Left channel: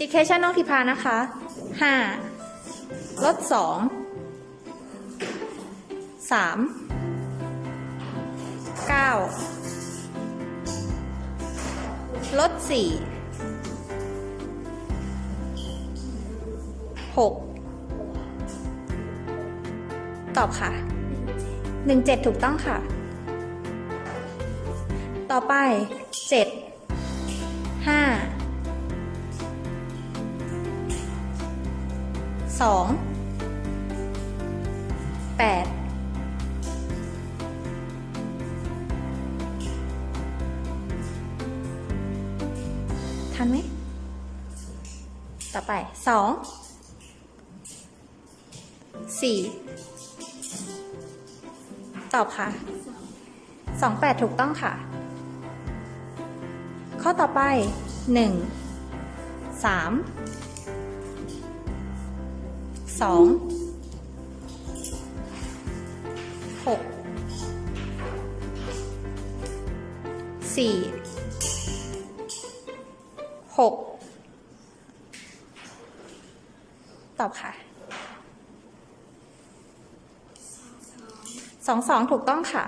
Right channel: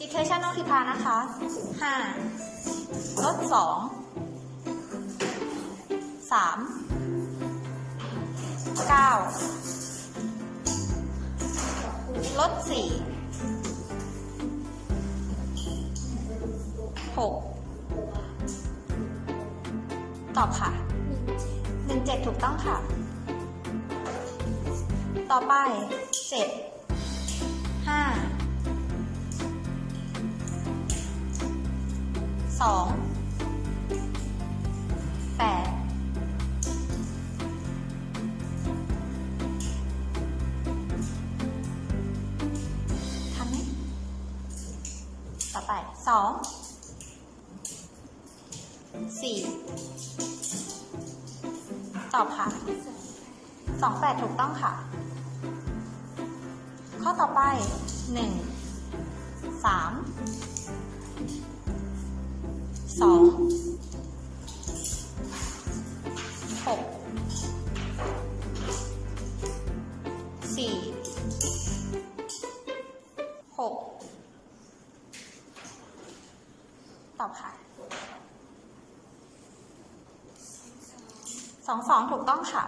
ดิเคชันน้องทิพานะคะห้าลดสองสามเก้าลดสี่หกตอบค่ะหนึ่งเจ็ดถูกต้องค่ะ ต่อไปเจ็ดห้า สองแปดทันไหมต่อไปสองสี่ตอบค่ะสองแปดถูกต้องค่ะ ข้อต่อไปหนึ่งสาม สองหกสี่หกตอบค่ะสองสองถูกต้องค่ะ